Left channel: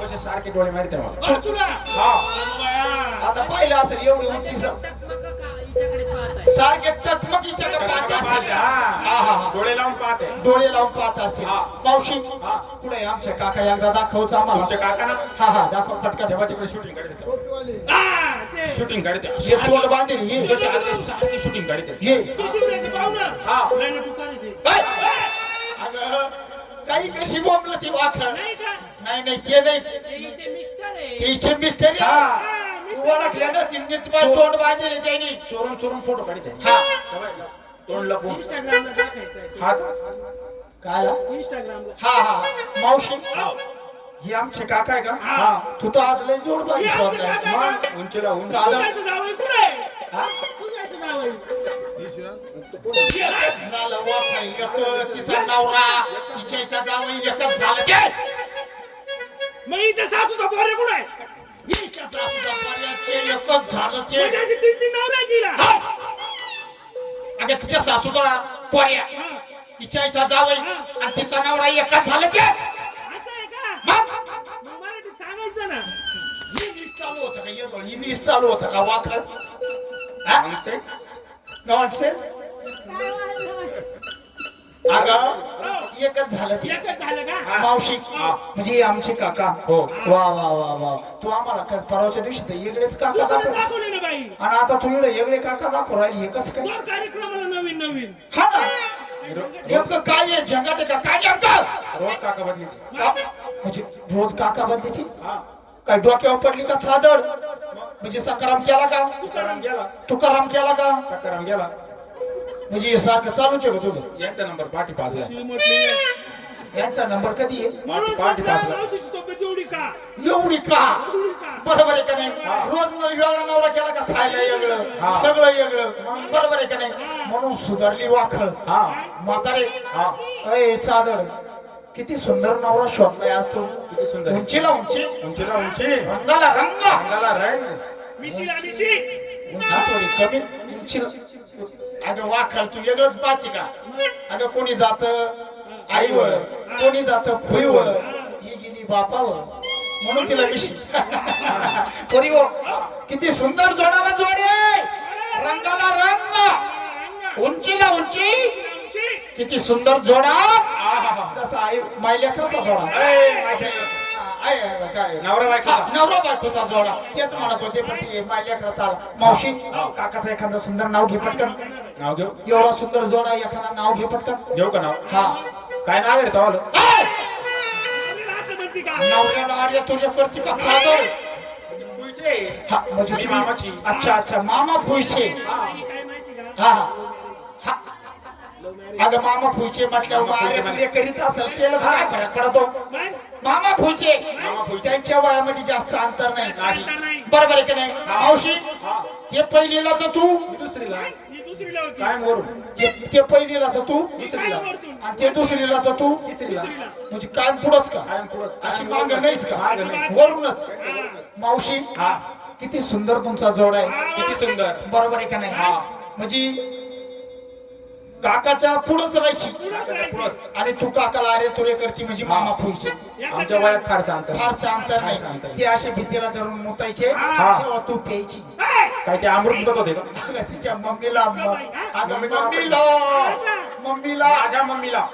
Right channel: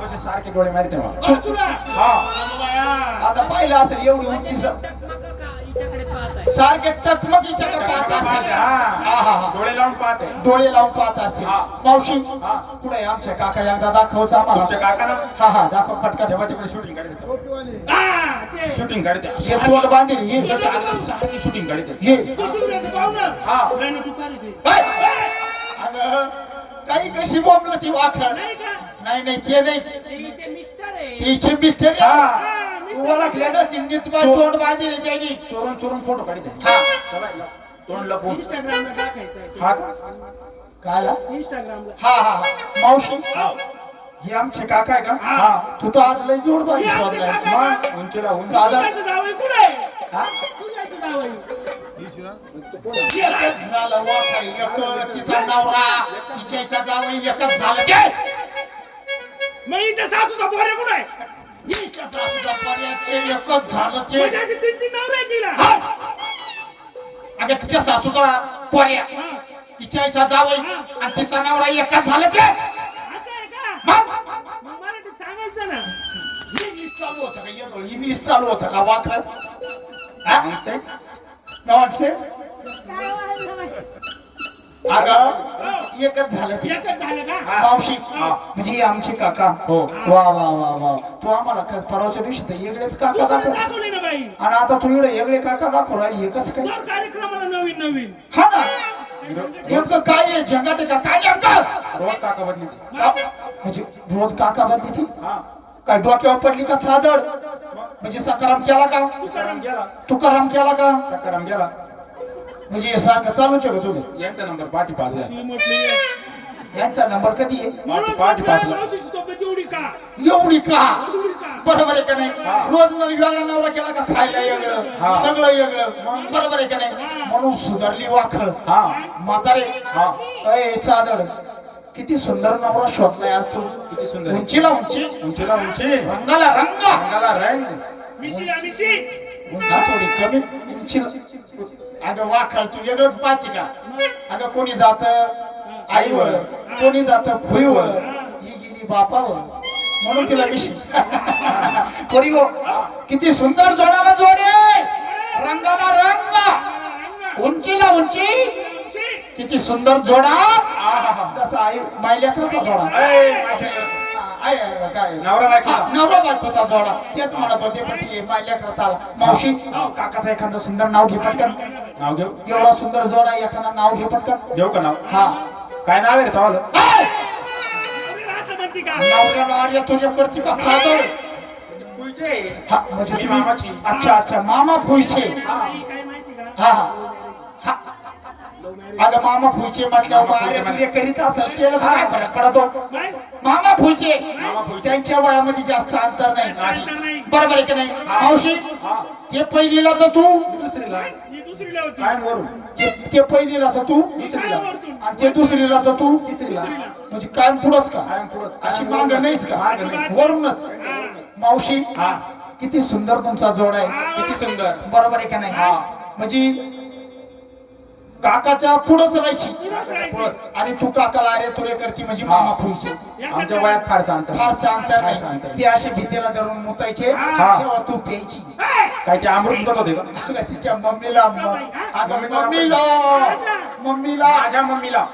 तसे सारखे डोळे मारते मला. हा. आता पाहिलं असेल एवढी उंची सारखे टकमकीच्या का पाहत असेल. डोळे लावून पाहते डोळे लावून पाहत असेल. हा. मावशी हा. पुढे आमच्या काका? एकदा दाखवच आम्हाला. काका ना हा हा दाखव पटकन. तेव्हा तिकडे शूटिंग काढते. हा. शूटिंग काढते. हे तोंड बांधेल हे जसे आले सारखे शूटिंग काढते. हे. हा. अगं, काही कशी बोंबलं ती वाखर नाही का? नाही नाही ते नाही. तिचे मिस्टर हा हा, मी तू ओळखले ना सिंगीत काय तोंड बांधेल त्यांनी चोरून चोरून फोटो काढते हा. तेव्हा तोंड लपवून इंस्टाग्रामला टाकायचं आहे. ते. हात काय इंस्टाग्रामला हा हा हा. मावशी? हा. हे आमचे काका आहे का? हा. तू तर आज लय जोड बारी हे शोधलाय उंचीला उंच. जावई कुठे? हा? झालं वाखर एक तिचा नवरा. तिच्याचा जावई एकच झालं. मग इथे सासूचा पोरे कुठे आहे? हिच्या सासूचा पर्याय एकच झालं ते. म्हणजे अशी तीन तीन तिला. अगं तिच्या सासूचा पर्याय हा. तिच्या आईचा जावई आणि तिचा नवरा एकच झालं ते. असं आहे का? मग? मग मराठीत सांगायचं ना. इंग्लिश चालू होतं का? येतो इंग्लिश चालू होतं का? हा? Nonsense. अगं एकच झालं ते. एकच झालं का. मावशी. म्हणजे आमचे काका. हो. वा वा वा वा. तू आम्हाला का- परवाच्या दिवशी तर वेगळेच काका दाखव. दाखवले ना बाई. आणि आता तू इकडे वेगळे काका दाखव राहिली हे कसं काय? दर कार्यक्रमाला नवीन नवीन. हा ना. नेमकं काय आहे? झंगाटे का? काय नेमकं? रोज काका बदली ती. म्हणजे रोज काका बदली ती? हा. काय डोक्यावर पडली का चादड म्हणजे सकाराम केला का? तुकाराम गेला तुकाराम केला का? सकाराम गेला म्हणजे हे सारखं चालूच आहे का तुझं? यांचा नंबर पाठी पासला शिवी म्हटली आहे. यांचा नंबर कधी आहे? एवढी का? एवढी का? बरोबर आहे का नाही. रोज न वेळा नवरा केला का खायला वेगळं हा. सगळं वेगळं बरोबर आहे का नाही? म्हणून सुधारली वाखर हा. म्हातारे. हा. अय चादर. किती सुंदर नवरा शोधलाय आज तू. किती सुंदर आहे. उंचीला उंची. उंचीला उंची. रंगाला रंग. अंगाला रंग. मिशी मिशी. उंची थोडी कमी. उंचीला. अगं वाखर तू वेगळंच पाहते का? अगं कोणी जात आईवर कोणी जात भुईवर ही गेली बापावर. म्हणून तिला मिशी कोणी हो? किती सुंदर जोडाला जोडे रंगाला रंग. उंचीला उंची. किती सुंदर जोडा. तसा आई मायल्याकरचा जोडा. आहे, आहे, काय नवरा बायकोचा. हा, नवरा बायकोचा जोडा. तेच म्हणत होते पण ते मायल्याकरचा मावशी काकाचं एखादं सुंदर नाव घे पटकन. नाव घेऊ? एवढा सुंदर जोडा एखादा नाव घे पटकन. घेऊ का नाव? हा. काय नाव आहे रे तवाला? नवऱ्याला असं म्हणते का? नवऱ्याला आर्य तुझ्या करते का चादर? पुढचे हा म्हणजे मी तुम्ही- मामाची. अच्छा अच्छा मामा काय माहिती का? हा हा. अगं मामा पुयचे म्हटल्यावर मग आर्य तुझे करीत असेल केलं तर काय फरक पडतो? मामा फुचे. त्यांच्या वयामध्ये जास्त अंतर नाही. बरोबर आहे की नाही? मावशी ते पहिलीला तर तू दुसरीला. दुसरीला होती. काय वरून. ते ते पहिलीला तर तू आणि ते दुसरीला तर तू तिसरीला. म्हणजे काय पुढंच का? कायम. अशी कायम मांग. नाहीच का. वरूनच. हा. मावशी हा. किती सुंदर तुमचा जोड आहे. किती सुंदर. बरोबर आहे का नाही? हा. म्हणजे काकाच्या पुढंच राहायची. आणि तू काकाला अरे तुरे करती म्हणजे मामा फुईचे आमच्या वयात फारसं अंतर फारचं अंतर फारसं नाही. अंतर. ते असे भीतीला धरून मुतायचे. हा. तेव्हा तू प्यायची. काय ते अमृत मुदत होते का? तिच्या मम्मीला मम्मीला. मम्मीला. माझ्या मम्मीला.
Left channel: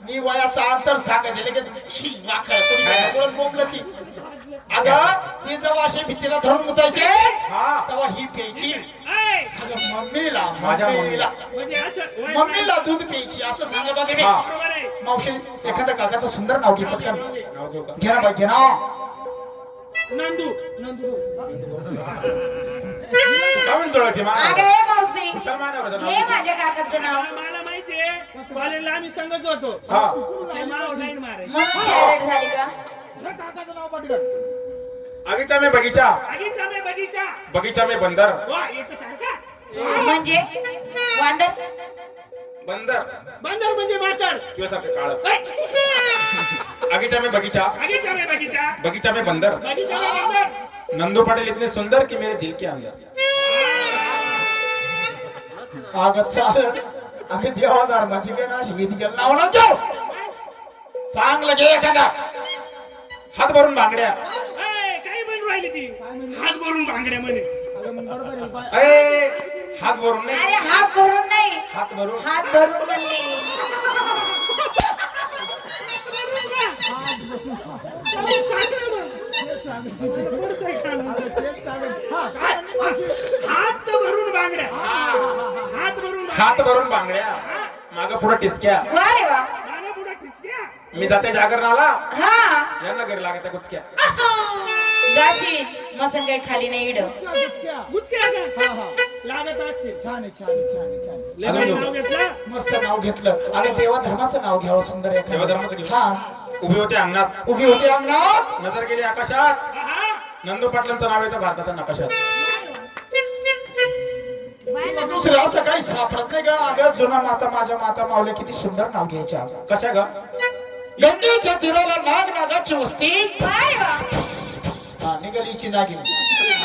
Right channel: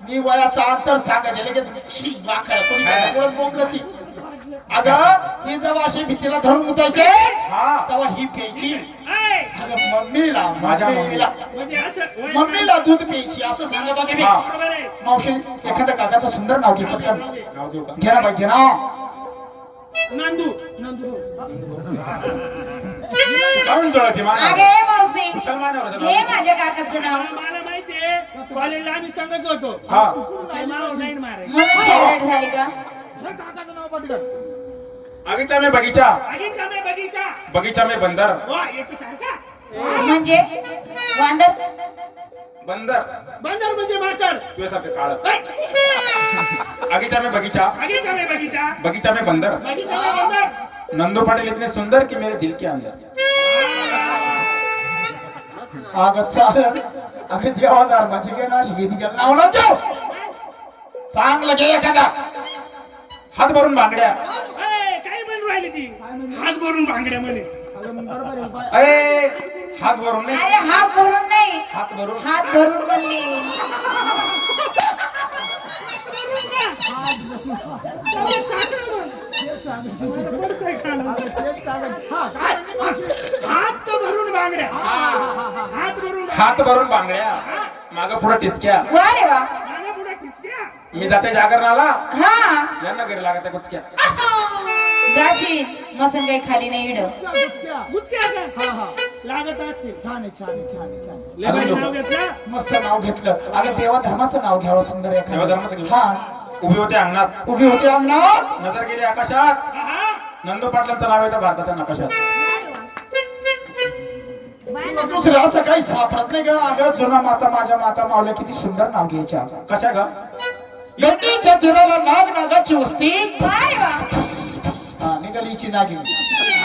मी वयाचा अंतर सांगायचे लगेच शी वाकड तुम्ही बोंबलं ती अगं ती जेव्हा अशी भीतीला धरून मुतायचे हा. तेव्हा ही प्यायची. मम्मीला माझ्या मम्मीला. म्हणजे मम्मीला दूध प्यायची असं सांगत होते मी. बरोबर आहे. मावशी एखाद्या काकाचं सुंदर नाव घे पटकन. का घे ना घे ना. नंदू नंदू. जाऊन हे नाव. माझ्या काकाचं नाव. कॉलेजला आम्ही संगच होतो. हा. ते नाव नाही मारायचं म्हणून शहरात झाली का? हे काकाचं नाव पटकन. बगीचा में बगीचा. बगीचा में बगीचा. बगीचा में बंदर. वा याचं सारखा. म्हणजे? वांदर? बंदर. बंदर म्हणजे माकड तुझ्यासारखं काळ. ए, बगीचा में बगीचा. बगीचा में बगीचा. बगीचा में बंदर. बगीचा में बंदर. नंदू पाटिल इतने सुंदर कि मेरे दिल के अंदर. अगं चाल. अगं देवा धर्माची घे ना अशी भीती गेलं नाव ना देव चांगलं घे एखादा. हात भरून बांगड्या ए, काय म्हणून राहिली ती? हात भरून भांगड्या म्हणे. ए हात भरून नाही. अरे हात भरून नाही. हात भरून. हात भरून म्हणली हात भरून बांगड्या. हात भरून हात भरून बांगड्या माग पुढे टिचक्या. वा रे वा. माझ्या पुढे टिचक्या मी जाते जागरणाला. हा. यांना घरी लागत आहे कुचक्या जाशील मसन काही खाली नाही इड. गुचक्या का लागत असतील छान आहे छान आहे छान आहे छान आहे. नाव घेतलं मस्त नाव घेतलं. अगं देवा धर्माचं नाव घ्यावं सुंदर एखादं. देवाधर्माचं घेऊ. हा. उभी होते अंगणात. उभी होती अंगणात. नजर गेली आकाशात. नंदू पाटलांचं नाव येतं भारताच्या नकाशात. तुला दुसरं असं काही सापडत नाही का अगं जुना माता माझ्या माता मावल्या किती सुंदर नाव घ्यायच्या. कशा ग? गंगेच्या तीराला नाग नागाची वस्ती. हा, निघालीची नागिनी.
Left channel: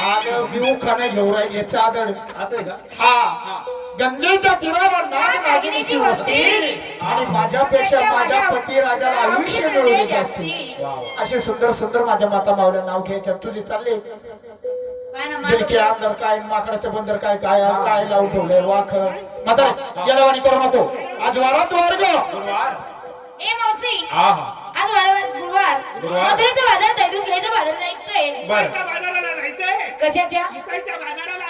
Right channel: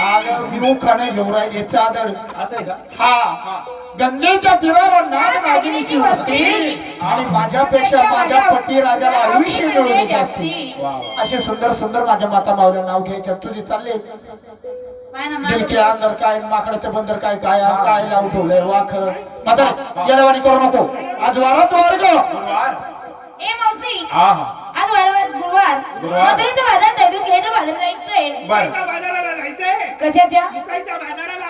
अगं मी खाणे घेऊ राहिली चादर असं आहे का? हा. गंगेच्या तीराला नाग नागिनीची वस्ती. आणि माझ्यापेक्षा माझ्या पती राजाला आयुष्य मिळवले वा वा. असे सुंदर सुंदर माझ्या माता मावल्या नाव घ्यायच्या. तुझे चालले. दिलके. अंदर काय माकडाचं बंदर काय काय काय लावून ठेवलंय? वाख म्हातारे येडवाणी करू नको. आज वारात वर्ग. गुरुवार. ए मावशी. आज वारंवार गुरुवार. मथुरेचं बाजार जायचं घ्यायचं बाजार जायचंय. बाजाराला जायचंय. कशाच्या? बाजाराला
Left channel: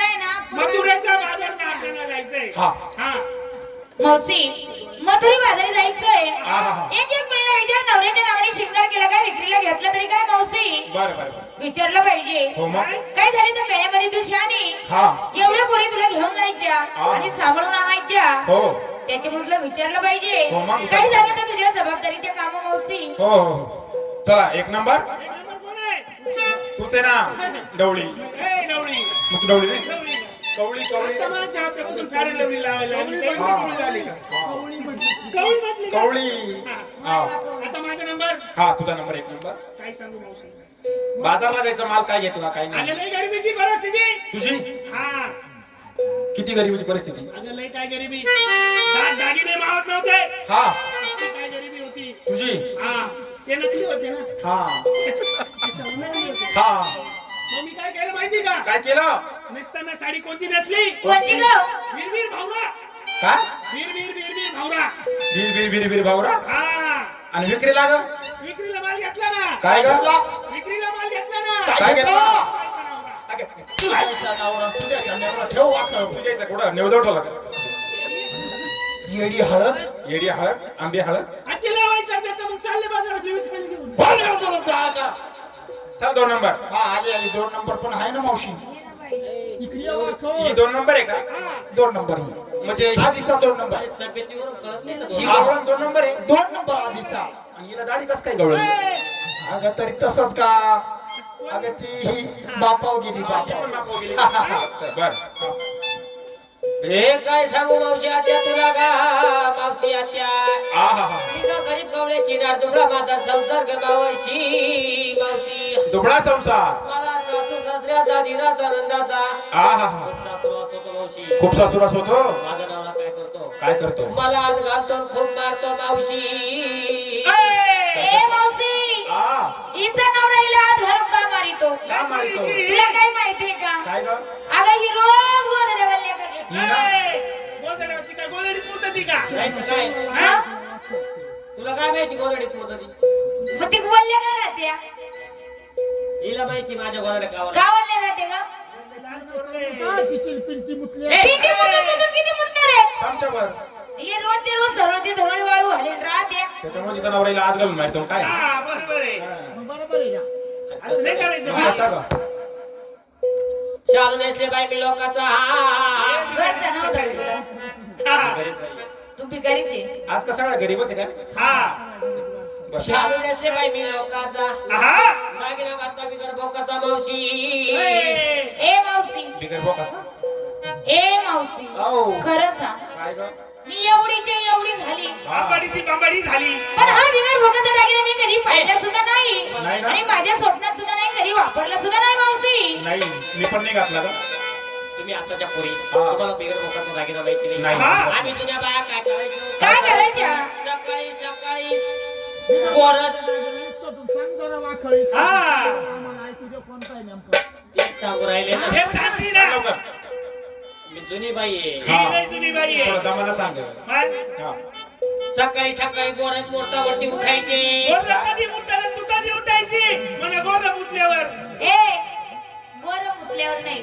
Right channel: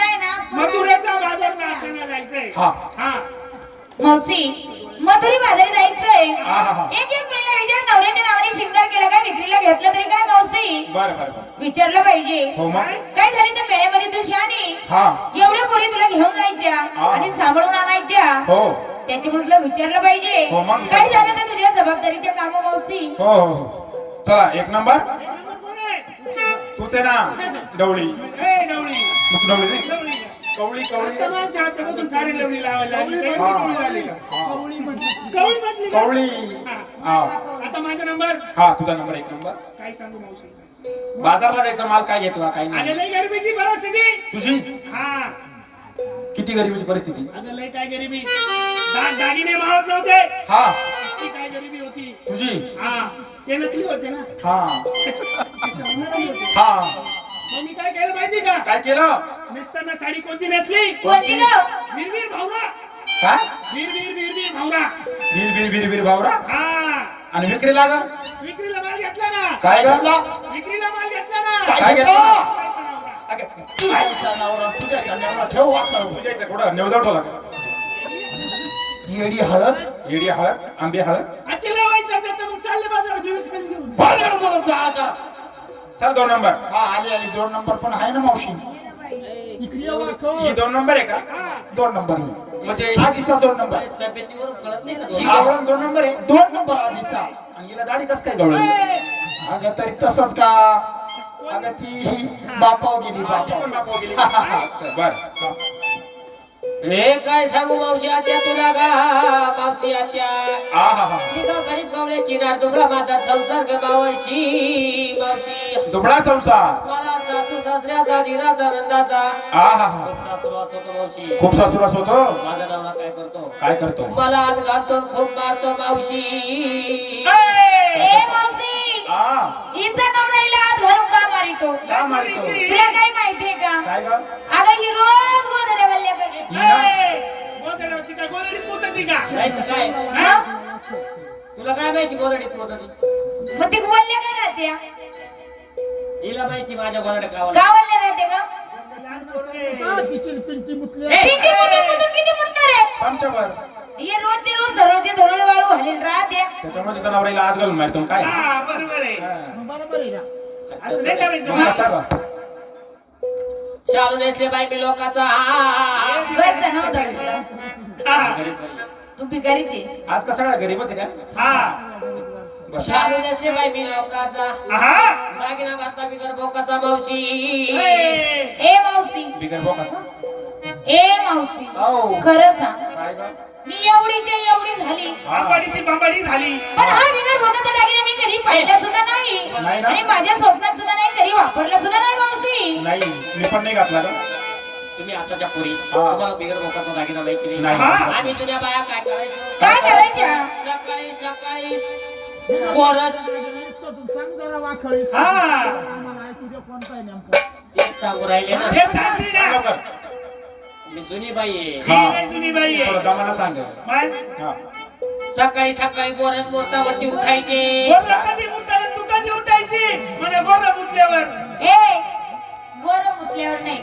आहे ना. मथुरेच्या बाजार नाट्याला जायचंय. हा. हा. मावशी मथुरी बाजारी जायचंय. हा, हा, हा. एक एक मुलीला विचार नवऱ्याच्या नावाने शिंगार केला काय विक्रीला घेतलं तरी काय मावशी बर बर बर. विचारलं पाहिजे. हो मग? काय झाले तर मेळ्यामध्ये तू शानी हा. एवढ्या पोरी तुला घेऊन जायच्या हा. आणि सांभाळून आणायच्या? हो. त्याच्यामुळे तुला विचारलं पाहिजे. हो, मग? काय झालं तर तुझ्या जबाबदारीच्या काम मावशी हो हो हो. चला एक नंबर. एक नंबर कोण आहे? तूच आहे ना डवळी. ए, मग डवळी नाही कवळी कवळी. आता? कवळी माझा नंबर? हा तुझा नंबर एक नंबर. काय सांगू मावशी? बाजारला जायचं माल काय घेतला काय अगं नाही लय गरिबीची परिस्थिती. तुझी? हा. किती गरिबीची परिस्थिती? अगं लय काय गरिबी. दाग दागिने मावत नव्हते. हा. काय गरिबी होती? तुझी? हा. ते नकली होते ना? हा. हा. मग मी काय केलं माहिती का? काय केलं? नसताना साडी कोणती नेसली? वीरवीर भावरा काय? वीर वीर वीर वीर भावरा बीर बीर बीर बीर भावरा हा. आणि विक्रीला ग? विक्रीला माल घेतला ना. काय ग? विक्रीला माल घेतला ना. काय काय घेतलं ठेव. तुझ्या इथं कुठं? नेवदव ठेवला का येडी हळद? येडी हळद आंबे हळद. तर मग चालले बाजारात विक्रीला घेऊन. चल दोन नंबर. हा आली आली. दोन नंबर पण आहे ना मावशी. ही दोन नंबर आहे का? दोन नंबर. ही म्हणजे आजीचा दोन नंबर. ही गवळण दोन नंबर आहे. दोन नंबर आजीचा. आणि हिला दाढी कस काय गवळण? अगं तरी तसंच का? अगं ती बापाव गेली बापाव बर. हे काय सांगू मावशी आत्या तुला का? मावशी आत्या. हा हा. हा मी का गरीब गवळ्याची नार दुबळा माझा संसार ग मावशी मावशी. दुबळा संसार. सासऱ्याचा दिराचा नंदाचा खूप सासुरास होतो माझा नवरा काय करतो? काय करतो? मला आज घालतो खूप मारतो मावशी. ए! मावशी! हिचा नवरा हिला हात धरून का मारितो? का मारतो? तुला काय माहितीये का? अगं ही रोज करते? तुला माहिती गोदडीत पोहोचती मग ती वल्ल्या काय राहत्या? हिला माहिती माझ्या गोदड्या गावाला का वल्ल्या राहते पिंटी किती आमच्यावर हे रोजचे रोज धरोडे धरोडे वाळू घालीन राहते. त्याच्यामुळे तिचा नवऱ्याला आत घालून मारतो काय? बरोबर आहे. असं नाही करायचं मग असा ग. शालू नेसले बाई मी लोकांचा. घरचं नाव धर तुला. तू भिकारीच आहे. आज का सगळा गरीबच आहे का? हा. बस. शालू नेसले बाई मी लोकांचा आहा. दागिना घातला बिगर बोकाचा मावशी. ए, ए मावशी. बिगर बोकाचा ए मावशी. आओ. खरं सांग. काय ग? मी एवढीची एवढी झाली. बांबाडीची बांबाडी झाली. पण हा बिगर भोगाचा दागिना मी कधी पाहिला सुद्धा नाही. नाही ना? आणि माझ्या स्वप्नात सुद्धा नाही कधी वापरला सुद्धा नाही मावशी. नाही. मी पण नाही घातला का तुम्ही आताच्या पुरी. तुम्हाला बिगर मोकाचा दागिना माहिती नाही. आम्ही तुझ्या बाया काय करायचो? काय करायच्या? पोरं सांग जरा वाखळी हा. आम्हाला ऐकू दे कोणता आहे नेमका तेच सांगू राहिले ना. हे चांगली ना. लवकर. मी जुनी बाई आहे. ही. लय जुनी बाई थोडं आहे दमानं सांग. माय, हा. सकाळी सकाळी बोरच मोर्चावरती उठायचे. गोरं कधी मुताला तू कधी उठायची. म्हणे गोरं मुतल्यावर. ए गोर नाही.